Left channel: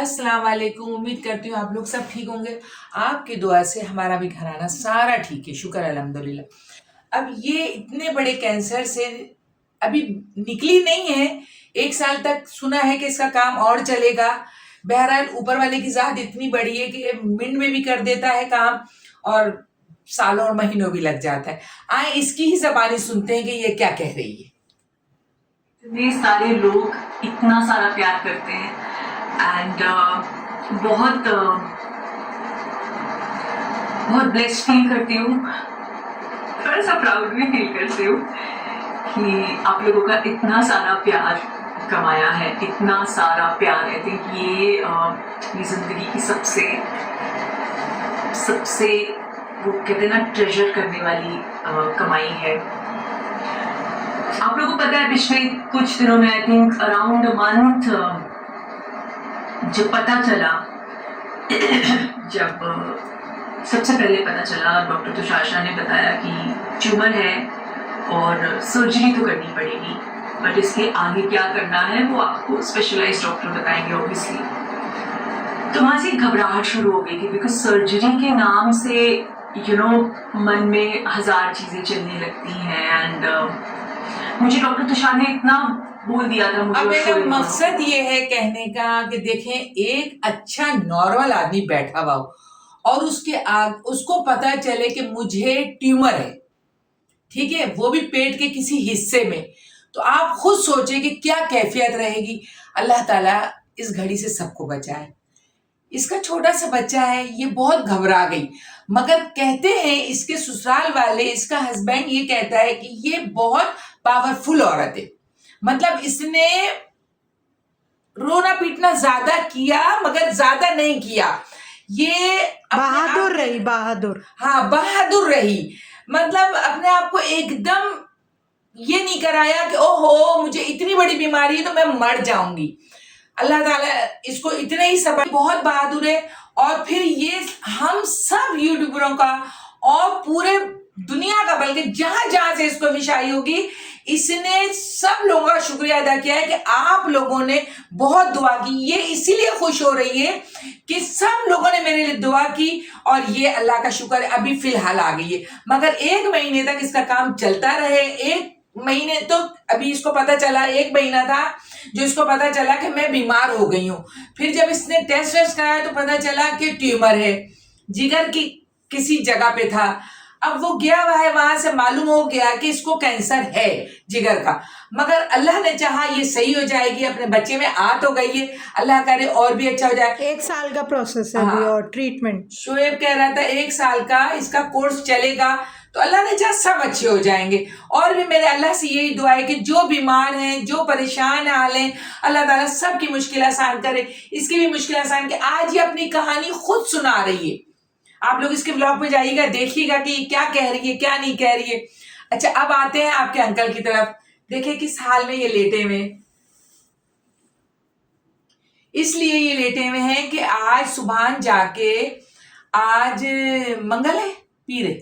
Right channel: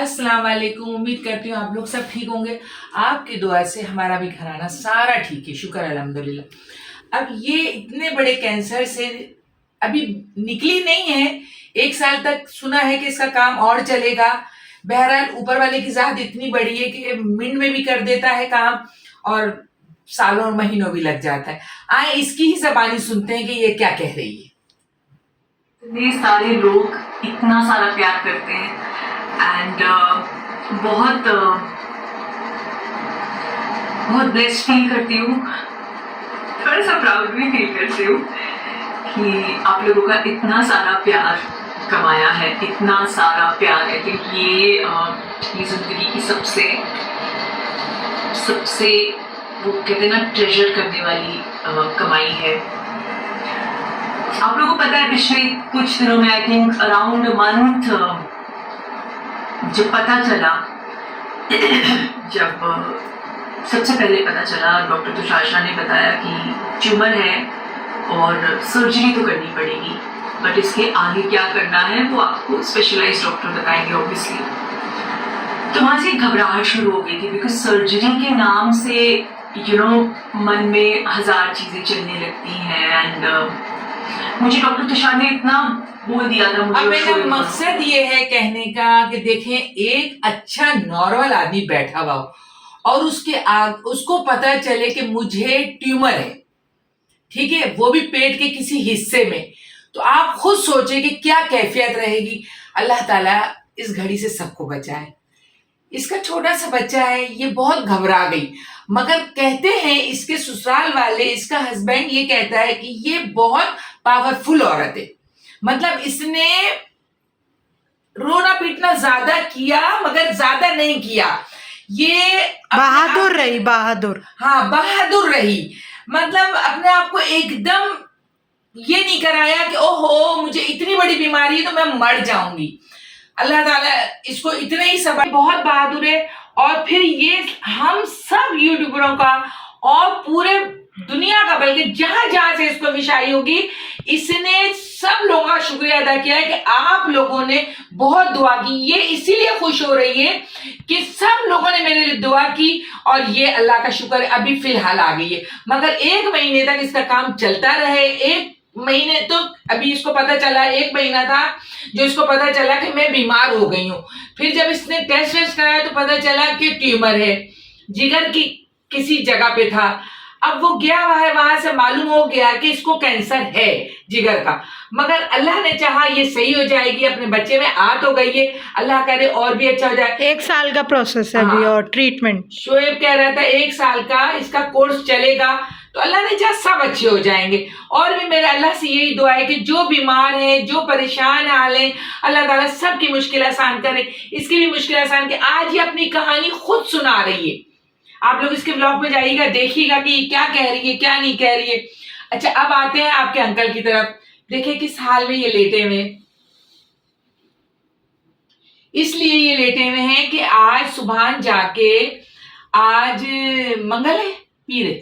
السلام علیکم. امید کرتی ہوں آپ لوگ سب ٹھیک ہوں گے. آپ کی دعا سے ہمارا بھی گھرانہ سارا ٹھیک ہے, شکر الحمدللہ. اب یہ اتنے بڑے کینسر سے ابھی نکلی نہیں ہے. 1 سال تک سنا ہے کہ اس کا کام اور چلے گا. بہرحال اوپر والے کی ذات اتنی بڑی ہے کہ منٹ میں بھی کر دیتا ہے کام اور سالوں اور مہینوں بھی لگ جاتا ہے. آئے اس کی ہی زبانی سنتے ہیں کہ یہ کیا کہہ رہی ہے. اتنے سارے لوگ اتنا سارا پیار کرتے ہیں اینڈ بہت بلیسڈ فیل کرتی ہوں, تھوڑا سا پراؤڈ بھی فیل کرتی ہوں کہ آپ لوگوں کا اتنا سارا پیار کمایا ہے, اتنا سارا پیار. آئی تھنک یہ زندگی کی سب سے وہ کہتے ہیں نا ٹریجر کرنے والی کمائی ہے. آپ لوگوں کو پتا ہے پچھلے کچھ دنوں میں آئی تھنک اراؤنڈ منتھ جب پتا چلا, جب سب سے پہلے پتا چلا ڈاکٹر تشار نے بتایا کہ ٹیومر ہے اور سرجری تو کرنی پڑے گی, بٹ اس کے آگے کیا کرنا ہے وہ آپ کو اسپیشلائز ڈاکٹر بتائیں گے اوبیسلی. تو وہاں سے گھبراہٹ شروع ہو گئی تھی بیکاز سرجری کے نام سے من میں 1000 چیزیں چلنے لگتی ہیں. اینڈ مجھے ڈاکٹر تشار نے اتنا بول دیا تھا. اب میرا مقصد یہ ہے کہنے کا کہ دیکھیں ایک اچھا نارمل آدمی بیٹھا ہوا ہو اور اس کو پتا چلے کہ مجھے ٹیومر ہے, ٹھیک ہے, وہ بھی پیٹ کے کسی حصے میں, تو آپ خود سوچیں کہ کیا کیفیت رہے گی. اللہ تعالیٰ اس گھڑی سے سب کو بچائے. اس کا چھوٹا سا بچہ ہے, یہ بہت گھبرا گئی, مگر کہتے ہیں اس کے سسرال والے, اس کا ہسبینڈ یہ کہتا ہے کہ یہ بہت پاورفل عورت ہے. مطلب اس نے رونا پیٹنا زیادہ کیا مگر زیادہ نہیں کیا. یہ بہادر رہی, بہادر. ہاں بہادر رہی. مطلب اپنے آپ کو ایک دم یہ نہیں کرایا کہ او ہو مجھے اتنی بڑی بیماری ہے تو میں مر جاؤں گی. اللہ تعالیٰ اس کو اتنا ہی صبر, بہت بہادر ہے. اور پھر یہ ہم سب یوٹیوبروں کا اور پورے دنیا کا, بلکہ جہاں جہاں سے اس کو وشائی ہوگی, اس نے سب لوگوں کا شکریہ ادا کیا ہے کہ آپ لوگوں نے بہت دعا کی. یہ اسی لیے خوش ہو رہی ہے کہ سب لوگوں نے میرے لیے دعا کی اور یہ اللہ کا شکر ہے ابھی فی الحال آ گئی ہے. مگر 1 مہینے تک اس کا کام چلتا رہے. 1 مہینے تو ابھی اس کو پتا چلا, 1 مہینہ تھا جو اس کو پتا چلا کہ میں بیمار ہو گئی ہوں. پھر جب اس نے ٹیسٹ کرایا تو پتا چلا کہ ٹیومر ہے, جگر کی کسی جگہ پہ تھا. اب وہ گیا ہوا ہے, وہاں سے معلوم ہو گیا کہ اس کو کینسر ہے جگر کا, مگر اللہ نے چاہا یہ صحیح ہو جائے گی. اپنے بچے میں تو گئی ہے, اللہ کرے اور بھی اچھا ہو جائے. 1 سال کا پروسیس ہے ابھی اور ٹریٹمنٹ. شعیب کہہ رہا تھا 1 سال کا اس کا کورس چلے گا, تو اللہ نے چاہا سب اچھے ہو جائیں گے. اور بھی میرے اللہ سے یہی دعا ہے کہ جو بیمار ہیں, جو پریشان حال ہیں, اللہ تعالیٰ سب کی مشکل آسان کرے. اس کی بھی مشکل آسان کہ آج یہ اپنی کہانی خود سنا رہی ہے. آپ لوگ اس کے بلاگ پہ جائیے گا, دیکھیے گا کہ کیا کہہ رہی ہے کیا نہیں کہہ رہی ہے. اچھا اب آتے ہیں آپ کے انکل کی طرف. دیکھیں کس حال میں یہ لیٹے ہوئے. اس لیے یہ لیٹے ہوئے ہیں کہ آج صبح جا کے, آج منگل ہے پیر ہے,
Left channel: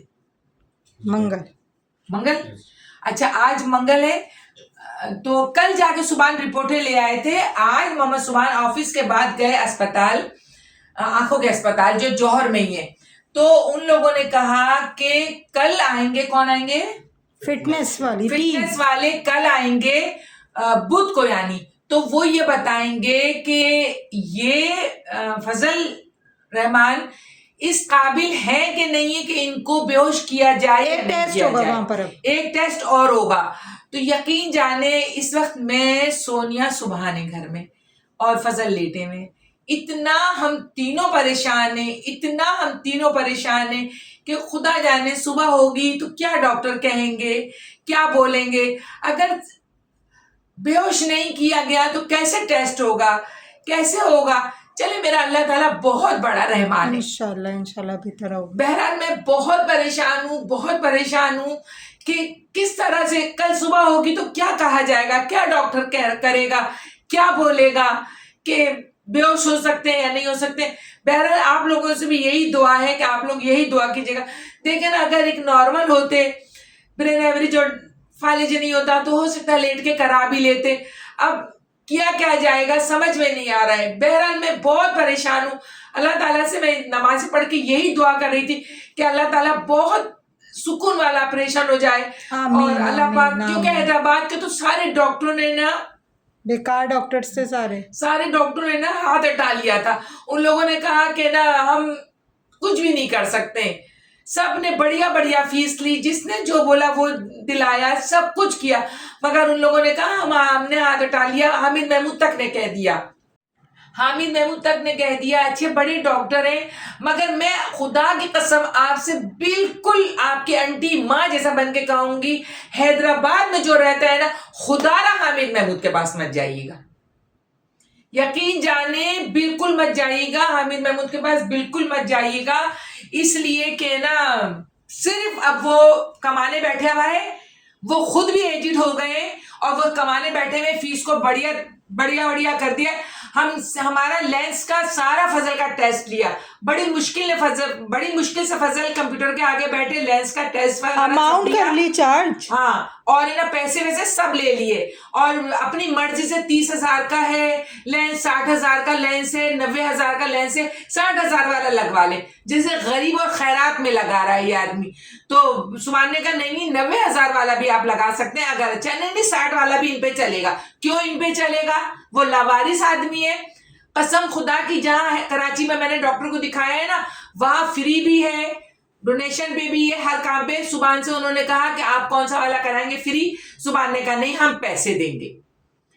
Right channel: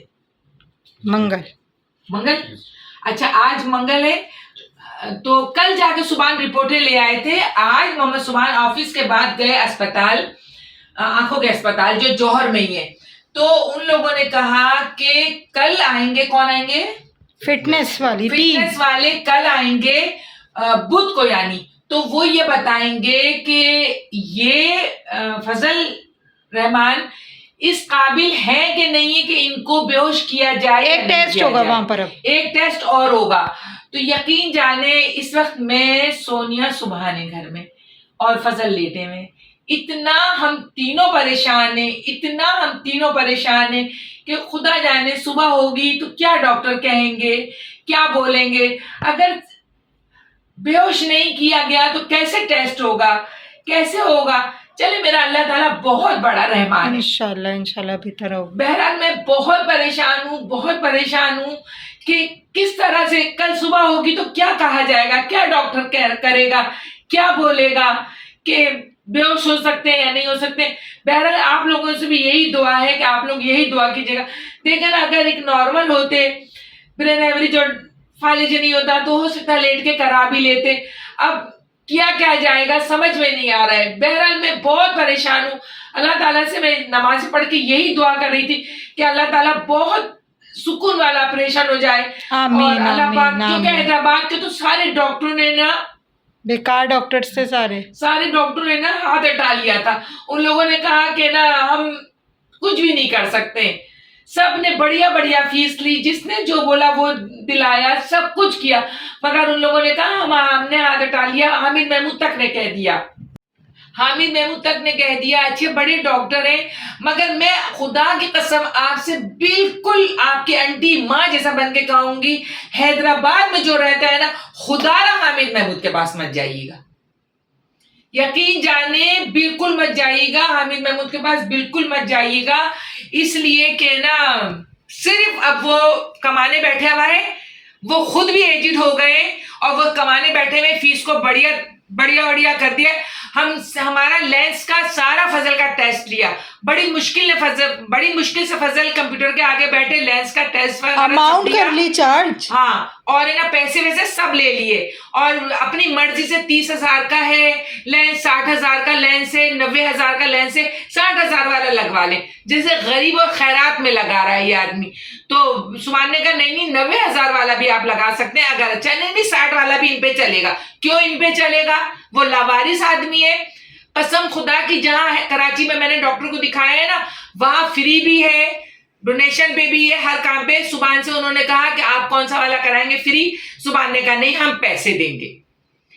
منگل, اچھا آج منگل ہے, تو کل جا کے صبح رپورٹیں لے آئے تھے. آج محمد صبح آفس کے بعد گئے اسپتال, آنکھوں کے اسپتال جو جوہر میں ہی ہے. تو ان لوگوں نے کہا کہ کل آئیں گے. کون آئیں گے؟ فٹنس والے کل آئیں گے بدھ کو یعنی. تو وہ یہ بتائیں گے کہ یہ فضل رحمان اس قابل ہے کہ نہیں ہے کہ ان کو بے ہوش کیا جائے. ایک ٹیسٹ ہوگا وہاں پر, ایک ٹیسٹ اور ہوگا. تو یقین جانے اس وقت میں سونیا سبحانی گھر میں اور فضل لیٹے میں, اتنا ہم تینوں پریشان ہیں کہ خدا جانے صبح ہوگی تو کیا ڈاکٹر کہیں گے, کیا بولیں گے. اگر بے ہوش نہیں کیا گیا تو کیسے ٹیسٹ ہوگا, کیسے ہوگا. چلے میرا اللہ تعالیٰ بہت بڑا رحمان ہے, انشاءاللہ بہتر ہوگا. بہرحال میں بہت پریشان ہوں کہ کس طرح سے کل صبح ہوگی تو کیا کہا جائے گا, کیا ڈاکٹر کرے گا, کیا بولے گا, کہ بے ہوش ہو سکتے ہیں یا نہیں ہو سکتے. بہرحال آپ لوگوں سے بھی یہی دعا ہے کہ آپ لوگ یہی دعا کیجیے گا. دیکھیں نا, اگر ایک نارمل ہوتے, برین ایوریج اور فالج نہیں ہوتا تو ہو سکتا لیٹ کے کرا بھی لیتے. اب کیا کیا جائے گا سمجھ میں نہیں آ رہا ہے. بہرحال میں بہت پریشان ہوں. اللہ تعالیٰ سے میں نماز پڑھ کے یہی دعا کر رہی تھی کہ اللہ تعالیٰ بہت سکون والا آپریشن ہو جائے. آمین اور اللہ پاک آمین کیونکہ آمین. حیدرآباد کے تو سارے ڈاکٹروں نے نا بیکار ڈاکٹر سے سارے ڈاکٹروں نے نا ہاتھ ہٹا لیا تھا. ان لوگوں نے کہا کہ نا ہم کچھ بھی نہیں کر سکتے. سب نے بڑھیا بڑھیا فیس لی, جس نے جو بولا وہ دلایا, سب کچھ کیا, مگر ان لوگوں نے کہا ہم نے ہاتھ ہٹا لیا. حامد محمود تک نے کہہ دیا, حامد محمود تک نے کہہ دیا اچھے بڑے ڈاکٹر ہیں, مگر میں خدا کی قسم آپ سے بالکل آپ کی انٹی ماں جیسا بن کے کہوں گی, حیدرآباد میں جو رہتا ہے نا, خدا را حامد محمود کے پاس مت جائیے گا. یقین جانے بالکل مت جائیے گا حامد محمود کے پاس, بالکل مت جائیے گا. اس لیے کہ نا صرف اب وہ کمانے بیٹھا ہوا ہے, وہ خود بھی ایجڈ ہو گئے اور وہ کمانے بیٹھے ہوئے, فیس کو بڑھیا بڑھیا بڑھیا کر دیا. ہمارا لینس کا سارا فضل کا ٹیسٹ لیا, بڑی مشکل سے فضل کمپیوٹر کے آگے بیٹھے لینس کا ٹیسٹ اماؤنٹ کر لی چارج. ہاں, اور نا پیسے ویسے سب لے لیے, اور اپنی مرضی سے 30,000 کا ہے لینس, 60,000 کا لینس ہے, 90,000 کا لینس ہے, 60,000 والا لگوا لے, جیسے غریب اور خیرات میں لگا رہا ہے یہ آدمی. تو سبحان نے کہا نہیں 90,000 والا بھی آپ لگا سکتے ہیں, اگر اچھا نہیں 60 والا بھی ان پہ چلے گا. کیوں ان پہ چلے گا, وہ لاوارث آدمی ہے. قسم خدا کی جہاں کراچی میں نے ڈاکٹر کو دکھایا ہے نا, وہاں فری بھی ہے, ڈونیشن پہ بھی ہے, ہر کام پہ. سبحان سے انہوں نے کہا کہ آپ کون سا والا کرائیں گے فری, سبحان نے کہا نہیں ہم پیسے دیں گے,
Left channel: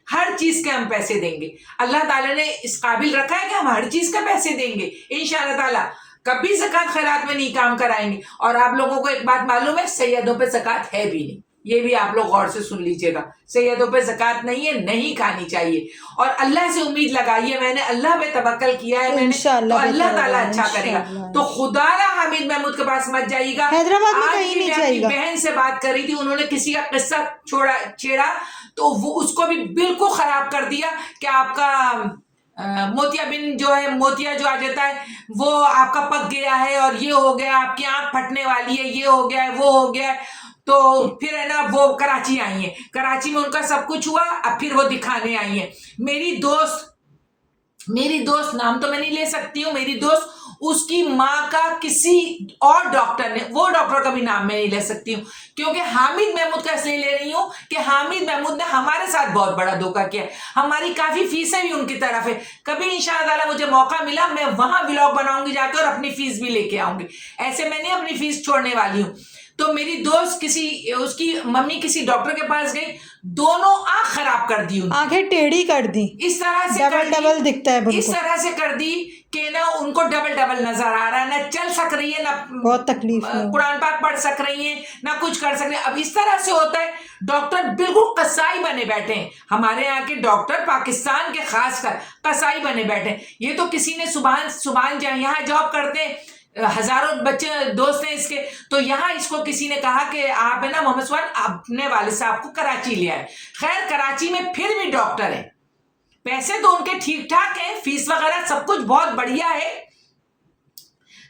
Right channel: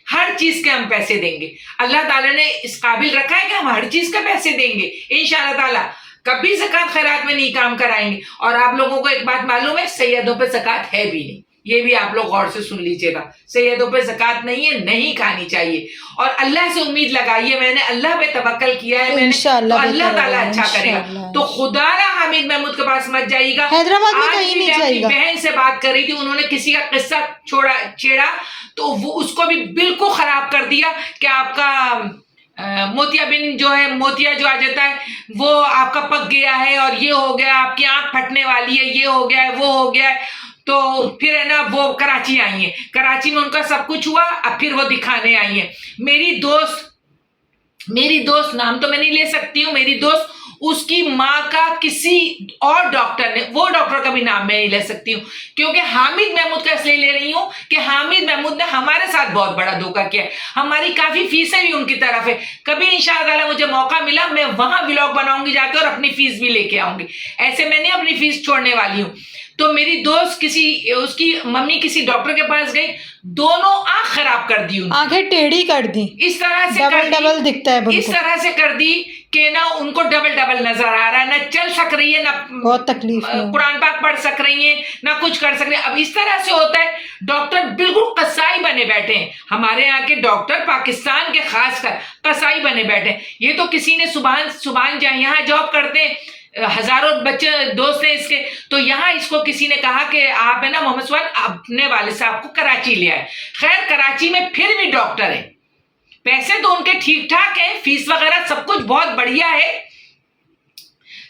ہر چیز کے ہم پیسے دیں گے. اللہ تعالیٰ نے اس قابل رکھا ہے کہ ہم ہر چیز کا پیسے دیں گے انشاءاللہ تعالیٰ. کبھی زکوٰۃ خیرات میں نہیں کام کرائیں گے. اور آپ لوگوں کو ایک بات معلوم ہے, سیدوں پہ زکوٰۃ ہے بھی نہیں, یہ بھی آپ لوگ غور سے سن لیجئے گا. سیدوں پہ زکوٰۃ نہیں ہے, نہیں کھانی چاہیے. اور اللہ سے امید لگائیے, میں نے اللہ پہ توکل کیا ہے, میں نے تو اللہ تعالیٰ اچھا کرے گا. تو خدا را حامد محمود کے پاس مت جائیے گا. حیدرآباد میں کہیں نہیں اپنی جائے گا. بہن سے بات کر رہی تھی, انہوں نے کسی کا قصہ چھیڑا تو وہ اس کو بھی بالکل خراب کر دیا کہ آپ کا موتیا بن جو ہے, موتیا جو آ جاتا ہے وہ آپ کا پک گیا ہے, اور یہ ہو گیا, آپ کی آنکھ پھٹنے والی ہے, یہ ہو گیا ہے, وہ ہو گیا ہے. تو پھر ہے نا وہ کراچی آئی ہیں, کراچی میں ان کا سب کچھ ہوا, اب پھر وہ دکھانے آئی ہیں. میری دوست نام تو میں نہیں لے سکتی ہوں, میری دوست اس کی ماں کا کسی اور ڈاکٹر نے, وہ ڈاکٹر کا بھی نام میں نہیں لے سکتی ہوں, کیونکہ حامد محمود کا اس لیے لے رہی ہوں کہ حامد محمود نے ہمارے ساتھ بہت بڑا دھوکہ کیا ہے. ہماری کافی فیسیں بھی ان کی طرف ہے. کبھی انشاءاللہ تعالیٰ مجھے موقع ملا میں وہاں ولاگ بناؤں گی جا کے, اور اپنی فیس بھی لے کے آؤں گی. ایسے میں نہیں اپنی فیس چھوڑنے والی ہوں. تو میری دوست اس کی ممی کسی ڈاکٹر کے پاس گئی, دونوں آنکھ خراب کر دی, آنکھیں ٹیڑھی کر دی, اس طرح سے ڈبل دکھتا ہے, اس طرح سے کر دی کہ نا ان کو ڈبل نظر آ رہا ہے, نہ چل سک رہی ہے, نہ بہت تکلیف, قرآن پاک پڑھ سک رہی ہیں, نہ کچھ کر سک رہی ہیں. اب اس طرح سے ہوتا ہے, ڈاکٹر بالکل قصائی بنے بیٹھے ہیں. ہمارے یہاں کے ڈاکٹر پاکستان کے خاص کر قصائی بنے بیٹھے ہیں. یہ تو کسی نے صبح یہاں جاب کرتے ہیں, ہزاروں بچے دوست ہیں اس کے, تو یہاں اس کو کسی نے کہا کہ آپ ہے نا محمد سبحان اپنے والد صاحب کو کراچی لے آئے. خیر کراچی میں پھر بھی ڈاکٹر ہیں, پیسے تو ان کے ٹھیک ٹھاک ہیں, فیس وغیرہ سب کچھ بہت بڑھیا ہے,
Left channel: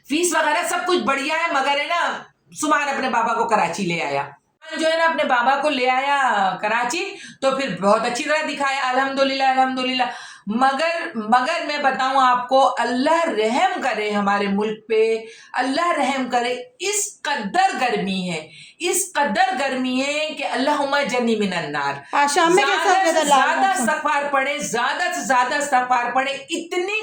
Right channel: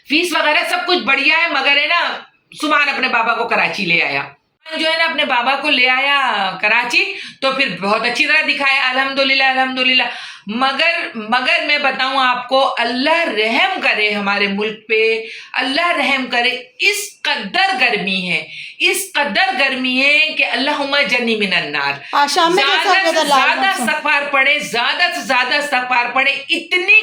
فیس وغیرہ سب کچھ بڑھیا ہے, مگر ہے نا سبحان اپنے بابا کو کراچی لے آیا, جو ہے نا اپنے بابا کو لے آیا کراچی, تو پھر بہت اچھی طرح دکھایا الحمدللہ. مگر میں بتاؤں آپ کو, اللہ رحم کرے ہمارے ملک پہ, اللہ رحم کرے. اس قدر گرمی ہے کہ اللہم جنی من النار. زیادہ استغفار پڑھے, زیادہ سے زیادہ استغفار پڑھے. اتنی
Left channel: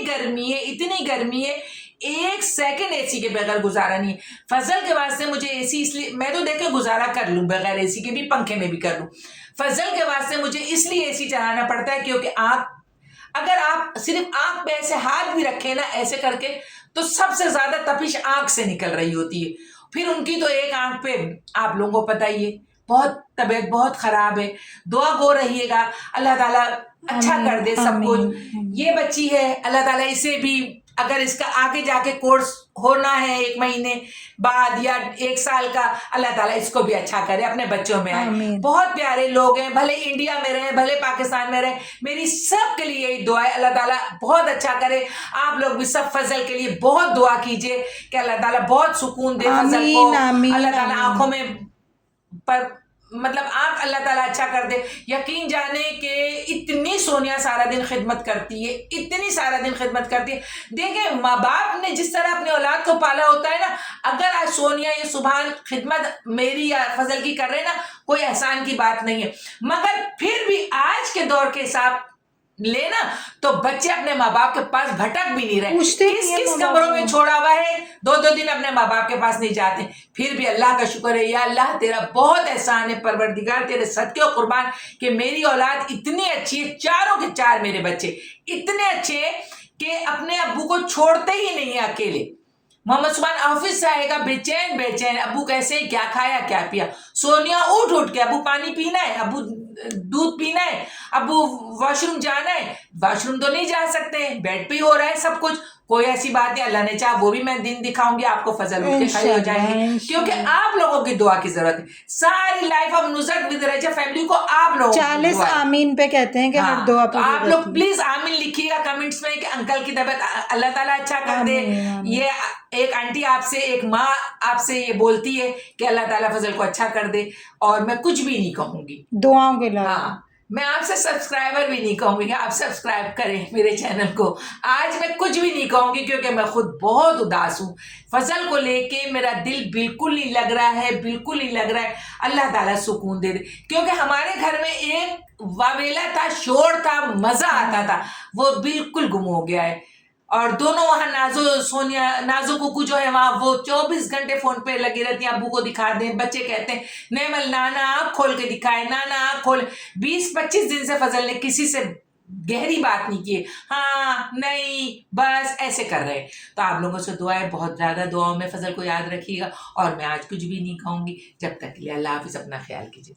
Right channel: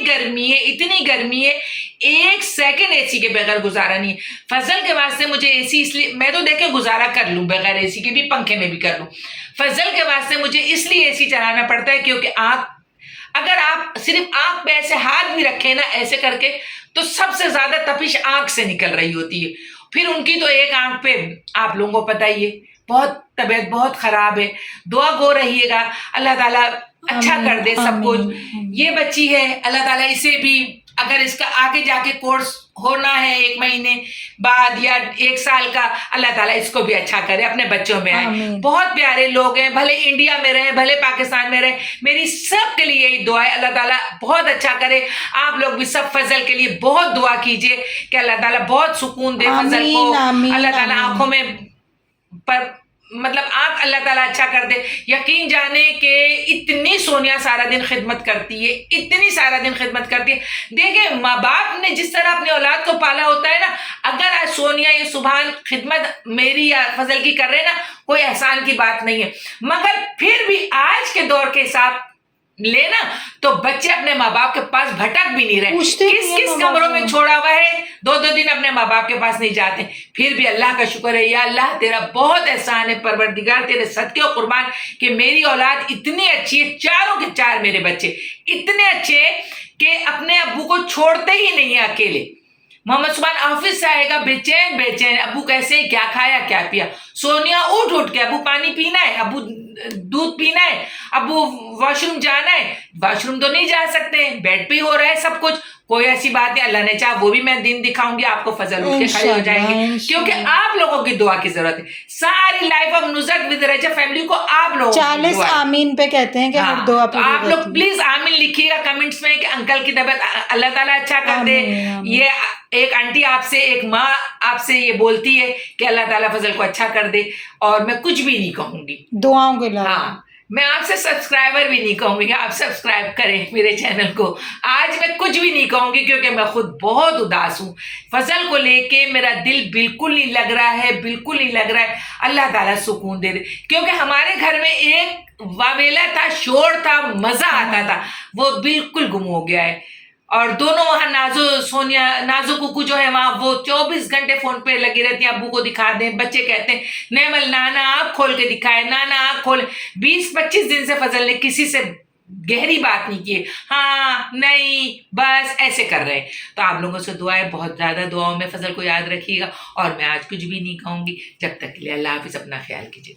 گرمی ہے, ایک سیکنڈ اے سی کے بغیر گزارا نہیں ہے. فضل کے واسطے مجھے اے سی, اس لیے میں تو دیکھیں گزارا کر لوں بغیر اے سی کے بھی, پنکھے میں بھی کر لوں. فضل کے واسطے مجھے اس لیے اے سی چلانا پڑتا ہے کیونکہ اگر آپ صرف آنکھ پہ ایسے ہاتھ بھی رکھیں نا ایسے کر کے, تو سب سے زیادہ تپش آنکھ سے نکل رہی ہوتی ہے. پھر ان کی تو ایک آنکھ پہ آپ لوگوں کو پتہ ہی ہے, بہت طبیعت بہت خراب ہے. دعا گو رہیے گا, اللہ تعالیٰ اچھا کر دے سب کچھ. یہ بچی ہے, اللہ تعالیٰ اسے بھی, اگر اس کا آگے جا کے کورس ہونا ہے 1 مہینے بعد یا 1 سال کا, اللہ تعالیٰ اس کو بھی اچھا کرے, اپنے بچوں میں آئے. بہت پیارے لوگ ہیں, بھلے انڈیا میں رہیں بھلے پاکستان میں رہیں, میری سب کے لیے یہی دعا ہے, اللہ تعالیٰ بہت اچھا کرے. آپ لوگ بھی سب فضل کے لیے بہت دعا کیجئے کہ اللہ تعالیٰ بہت سکون دے فضل کو, اللہ تعالیٰ آنکھوں میں پر مطلب آنکھ اللہ تعالیٰ اچھا کر دے. یقین جانے کہ اتنی سونیا سارا دن خدمت کرتی ہے, اتنی سارا دن خدمت کرتی ہے. دیکھیں ماں باپ نے جس طرح اپنے اولاد کو پالا ہوتا ہے نا, اگر آج سونیا یہ صبح خدمت میری یا فضل کی کر رہے نا, کوئی احسان کی بات نہیں ہے. مگر پھر بھی آج کے دور کے حساب لینا تو بچے اپنے ماں باپ کے پاس بھٹک بھی نہیں رہے. کس کمروں میں چھوڑا ہوا ہے, 2 دن اپنے ماں باپ کے پاس نہیں جاتے. پھر بھی اللہ کا شکر ہے, یا اللہ تیرا بہت احسان ہے پروردگار, تیرے صدقے و قربان کہ میری اولاد اتنی اچھی ہے. چاروں کے چار میرے بچے اتنے اچھے ہیں کہ اپنے ابو کو چھوڑتے ہی نہیں ہیں اکیلے. محمد سبحان آفس سے آئے گا بے چین, ابو کیسے, کیا کھایا کیا پیا. سونیا اٹھ کے ابو پانی پینا ہے, ابو دودھ پینا ہے, ابو واش روم جانا ہے. واش روم تو نہیں جا سکتے, بیڈ پہ ہی ہو رہا ہے سب کچھ, کوئی ایسی بات نہیں. اللہ نے چاہا وہ بھی میں دن دکھاؤں گی آپ کو, فضل اٹھ کے کھڑے ہو جائیں گے, کیونکہ آپ لوگوں کی دعا کی ضرورت ہے. ساری life of Nusrat with Rajab family کو آپ لوگوں 40 آمین پہ کہتے ہیں کہ ہر دعا پہ آپ لوگ پلیز آمین لکھیے گا کمنٹس میں کہ انکل کی طبیعت اللہ تعالیٰ اچھا کر دے. یہ ایک آنٹی آپ سے, ایک ماں آپ سے یہ بولتی ہے کہ اللہ تعالیٰ فضل کو اچھا کر دے, اور میں کچھ بھی نہیں کہوں گی دعاؤں کے علاوہ. ہاں, میں آپ سے سبسکرائبر بھی نہیں کہوں گی کہ آپ سبسکرائب کریں میرے چینل کو. آج میں کچھ بھی نہیں کہوں گی کیونکہ میں خود بہت اداس ہوں. فضل کو لے کے میرا دل بالکل نہیں لگ رہا ہے, بالکل نہیں لگ رہا ہے. اللہ تعالیٰ سکون دے دے, کیونکہ ہمارے گھر میں ایک واویلا تھا, شور تھا, مزہ آتا تھا, وہ بالکل گم ہو گیا ہے. اور دونوں وہاں نازو کوکو جو ہے وہاں وہ 24 گھنٹے فون پہ لگی رہتی ہیں, ابو کو دکھا دیں. بچے کہتے ہیں نیمل نانا آنکھ کھول کے دکھائے, نانا آنکھ کھول. 20-25 دن سے فضل نے کسی سے گہری بات نہیں کی, ہاں نہیں بس ایسے کر رہے. تو آپ لوگوں سے دعا ہے, بہت زیادہ دعاؤں میں فضل کو یاد رکھیے گا. اور میں آج کچھ بھی نہیں کہوں گی, جب تک کے لیے اللہ حافظ, اپنا خیال کیجیے.